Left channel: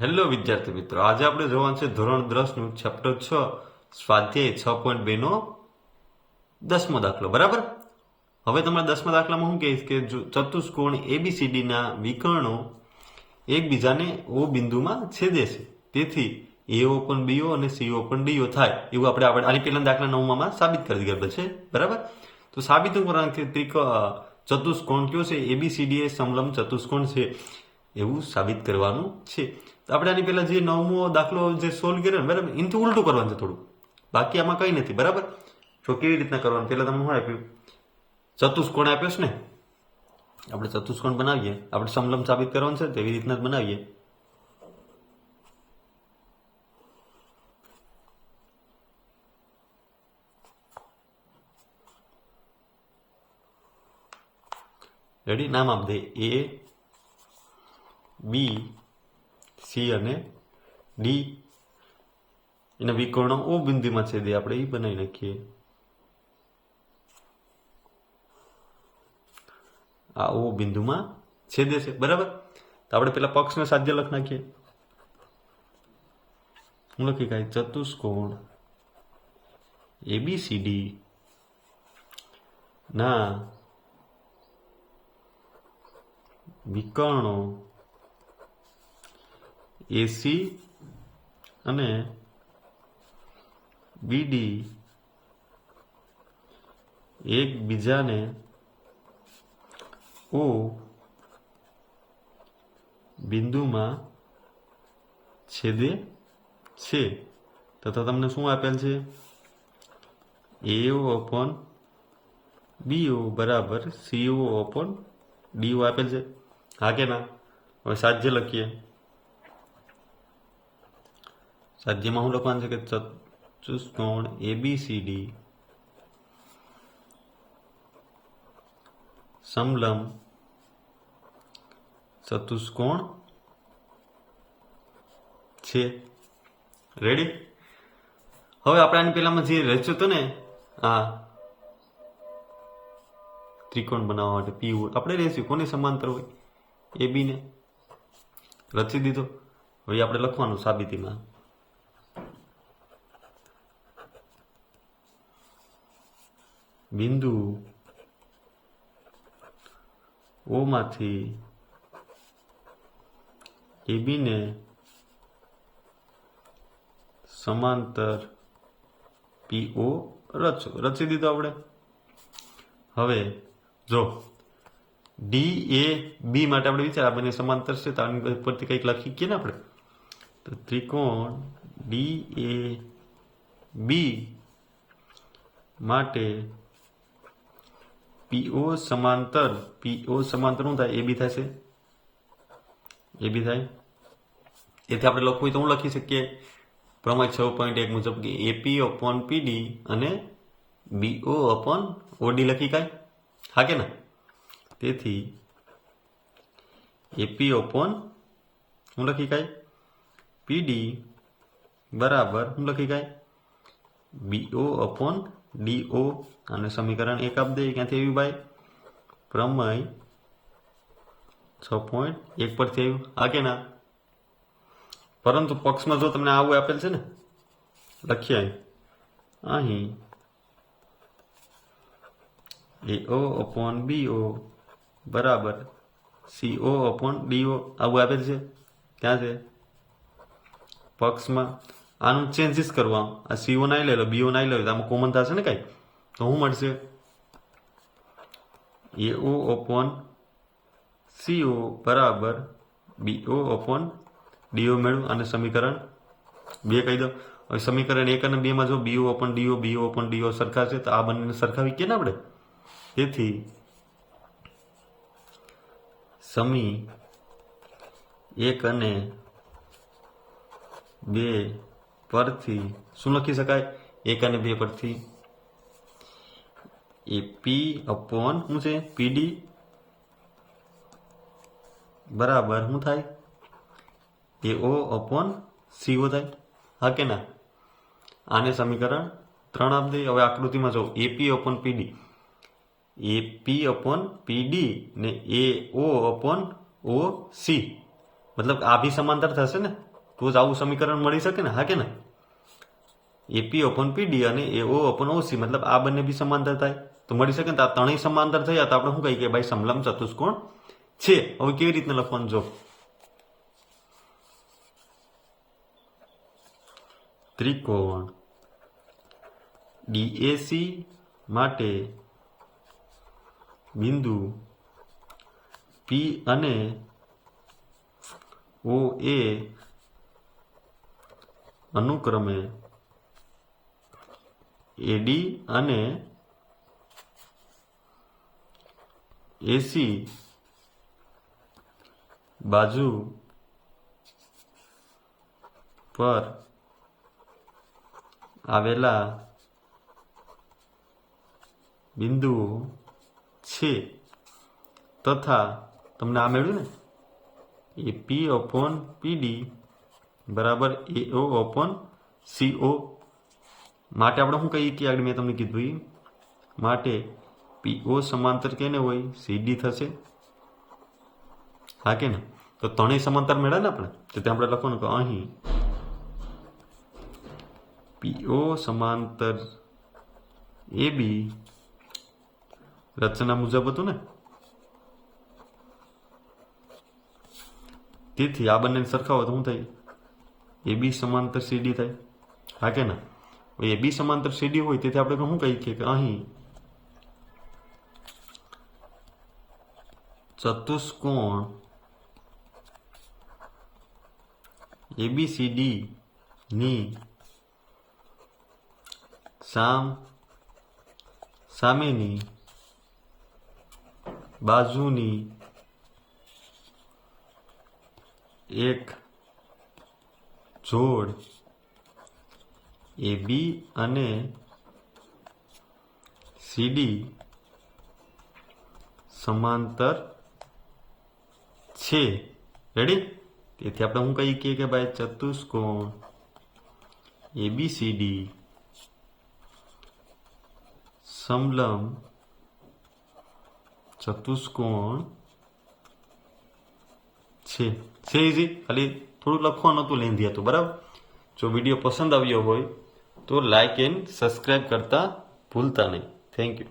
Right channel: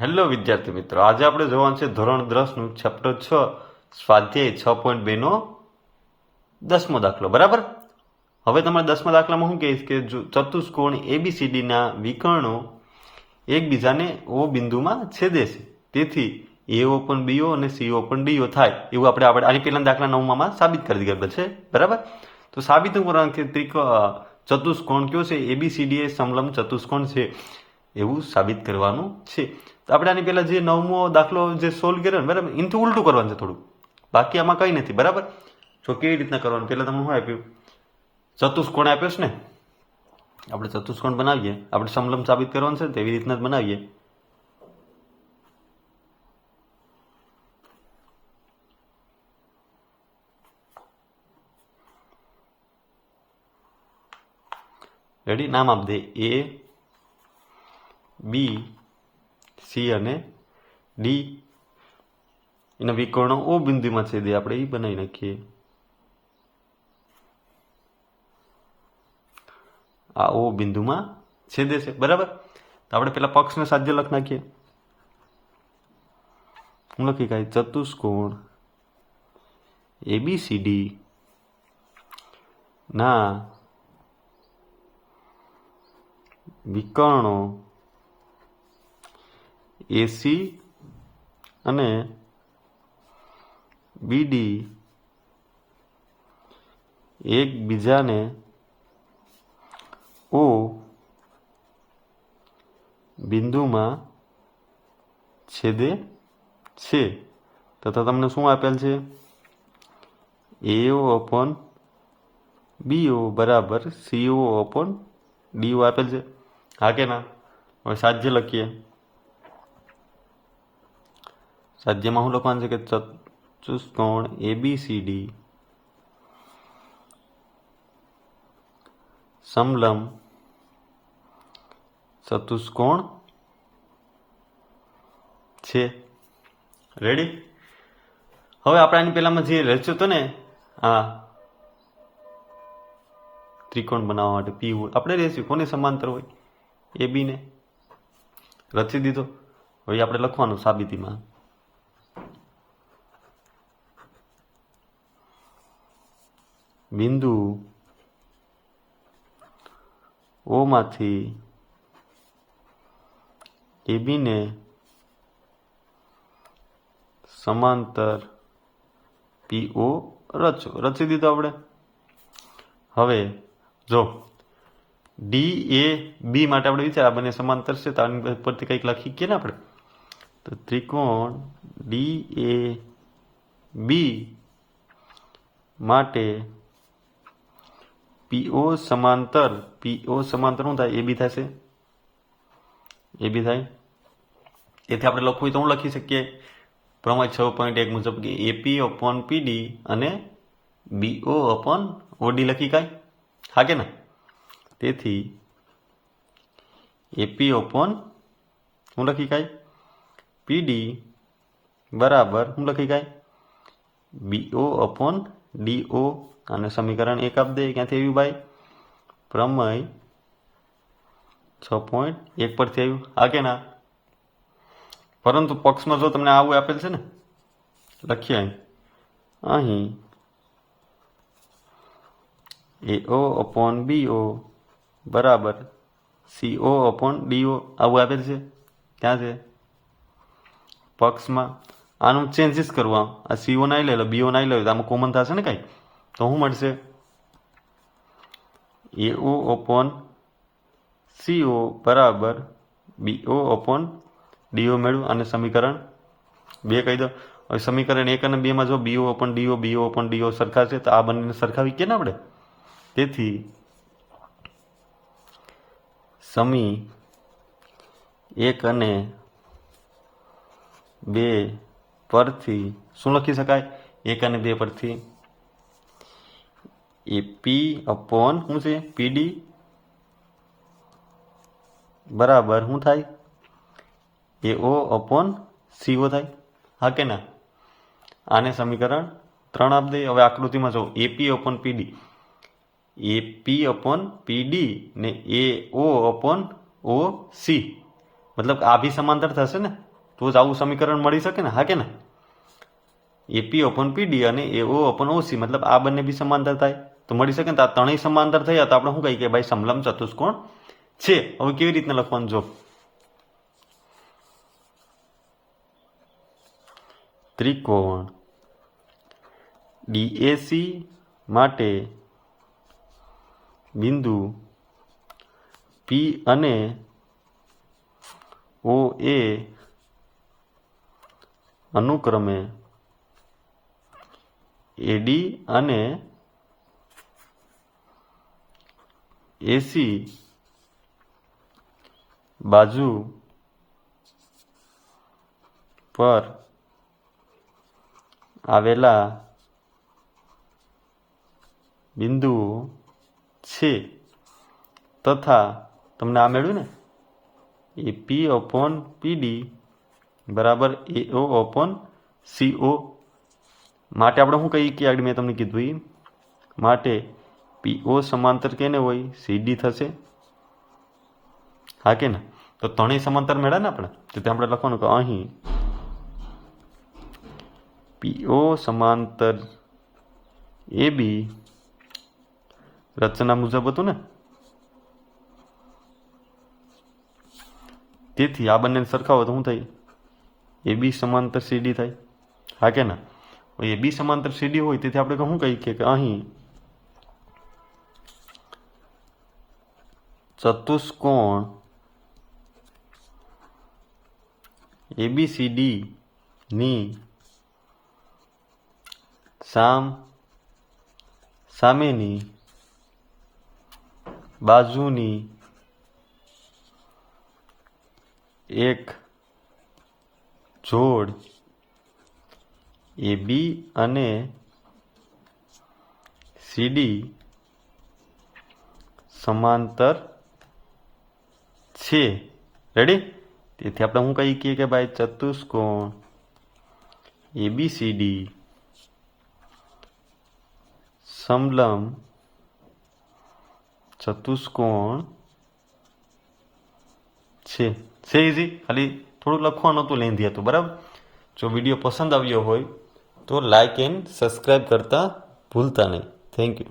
Hello વિદ્યાર્થી મિત્રો, આજે આપણે જોવાનું છે ધોરણ 10નું ચેપ્ટર 6 સ્વાધ્યાય 6.2 નો 10મો દાખલો. બરાબર. હવે તમારે 10મા દાખલામાં શું કહીશ કે ચતુષ્કોણ એબીસીડીના વિકર્ણો એકબીજાને ઓ બિંદુમાં છેદે છે, તેથી એઓ પણ બીઓ અને સીઓ પણ ડીઓ થાય એવું આપણે આની પહેલા દાખલા 9માં સાબિત કરી દીધેલ છે. બરાબર. તો સાબિત કરવાનું છે ચતુષ્કોણ કયો છે, એબીસીડી એ સમલંબ ચતુષ્કોણ છે એવું સાબિત કરવાનું છે. તો આપણે આની પહેલા જે 9મો દાખલો જે સોલ્વ કર્યો ને, બરાબર, એનાથી ઉલટું કરવાનું છે થોડું, બાકી આમાં કંઈ નથી. બરાબર. તો કેવી રીતના કરવાનું, પહેલાં તમને શું આપ્યું, ચતુષ્કોણ આપ્યો છે ને, આપણે ચતુષ્કોણ બનાવીએ, આપણે સમલંબ સાબિત કરવાનું છે તેવી રીતના જ બનાવીએ. રેડી. નામ આપ દે એ, બી, સી અને ડી. એના વિકર્ણો ઓ બિંદુમાં છેદે, આપણે એ બનાવી નાખીએ. આ ઓ બિંદુમાં છેદે છે. બરાબર. તો આપણે પેલા પક્ષને સાધ્ય લખ નાખીએ. હું લખી કાંઈ ચતુષ્કોણ એબીસીડી ના વિકર્ણો એસી અને બીડી એકબીજાને ઓ બિંદુમાં છેદે છે. તો તમને શું આપેલ છે, એઓ અપોન બીઓ બરાબર સીઓ અપોન ડીઓ આપેલ છે. હા કે ના? હવે સાધ્ય લખીએ. સાધ્યમાં શું લખવાનું છે કે ચતુષ્કોણ એબીસીડી સમલંબ ચતુષ્કોણ છે. રેડી. હવે આપણે આની પહેલામાં જે રચ્યો હતો ને, હા, ત્રિકોણ બનાવવા માટે પી આપણે રેશું કોને સમાંતર હોય, એ બી ને રચી દીધો. હવે આપણે લખવાનું સાબિતીમાં, બિંદુ ઓ માંથી એબીને સમાંતર પીઓ રચી દીધો આપણે. હવે જો ડી એ બી માટે આપણે વિચાર, આ બંને સમાંતર છે તો આની પરથી કંઈક લખી કે ને આપણે, તો ત્રિકોણ ડી એ બી માટે પીઓ સમાંતર શું થાય, એ બી થશે, એ બી થાય. તેથી આપણે લખવું હોય તો હું લખી શકીએ પ્રમેય 6.1 મુજબ કે એપી અપોન પીડી અને બીઓ અપોન ઓડી લખી કાંઈ. હા કે ના? તેથી એપી અપોન હું લખી કાંઈ પીડી બરાબર હું લખી કાંઈ બીઓ અપોન ડીઓ. અને સમીકરણ 1 આપી દે. ક્યાંથી આવ્યું ભાઈ? પ્રમેય 6.1 પરથી આવ્યું. હા કે ના? પરંતુ પક્ષમાં જો તમને આવું આપેલ છે ને, લખીએ અહીં એઓ અપોન બીઓ બરાબર સીઓ અપોન ડીઓ આવું આપેલ છે. ક્યાં છે? પક્ષમાં. આનું ચેન્જીસ કરવા, આ સીઓ નાઈ લે લો, બીઓ નાઈ લે, આમાં કોમન થશે ને કાંઈ, તો શું મળશે? એઓ અપોન સીઓ બરાબર બીઓ અપોન ડીઓ મેળવું. અને સમીકરણ 2 કહી દો. હવે સમીકરણ 1 અને 2માં જો બીઓ અપોન ડીઓ સરખા છે, તો આ બંને સરખાવી કે ને આપણે. તેથી સમી 1 અને 2 પરથી શું લખી શકાય? 1 અને 2 પરથી એપી અપોન શું છે, પીડી બરાબર શું થાય, એઓ અપોન સીઓ થાય. હા કે ના? આને સમીકરણ 3 આપી દઈએ. હવે આકૃતિમાં જો એપી અપોન પીડી ને એઓ અપોન ઓ સી મતલબ આ બી સમાંતર થશે ને, તો જ આવું સમીકરણ મળી શકે ને, હા કે ને? એપી અપોન પીડી અને એઓ અપોન ઓસી, મતલબ આ બંને બી સમાંતર થાય તો મળી શકે ને. તો આ ત્રણેય સમાંતર થયા તો આપણે શું કહીએ કે ભાઈ સમલંબ ચતુષ્કોણ છે. હવે કેવી રીતના લખવાનું જો, ત્રિકોણ ડીએસી માટે બિંદુ પી અને ઓ એ અનુક્રમે એડી અને એસી બાજુ પર આવેલા બિંદુઓ છે તથા તમને આ મળ્યું ને, એ પી અપોન પીડી બરાબર એઓ અપોન સીઓ માટે આપણે શું કહીએ કે આગળ મેં તમને કીધું એ માટે પીઓ સમાંતર કેને હોય, સીડી થશે, હા કે ને? તો ત્રણેય સમાંતર મળ્યા ને આપણે, તો ત્યાં આપણે લખવાનું કે અહીં પીઓ સમાંતર એ બી રચના મુજબ હતું ને, તેથી આ બંને સરખાવો તો શું થાય, એ બી સમાંતર સીડી થાય, હા કે ના? એ બી સમાંતર સીડી હોય તેથી આપણે શું કહીએ કે અહીં ચતુષ્કોણ એબીસીડી ની સામેની બાજુની એક જોડ એ બી અને સીડી સમાંતર છે. રેડી? તેથી આપણે શું કહીએ કે ભાઈ ચતુષ્કોણ એબીસીડી સમલંબ ચતુષ્કોણ છે. ઇઝી, ખાલી થોડું લખવાનું હતું, લેન્ધી હતું, બરાબર? જો વિડીયો પસંદ આવ્યો હોય તો લાઈક એન્ડ સબસ્ક્રાઈબ કરતા ભૂલતા નહીં. Thank you.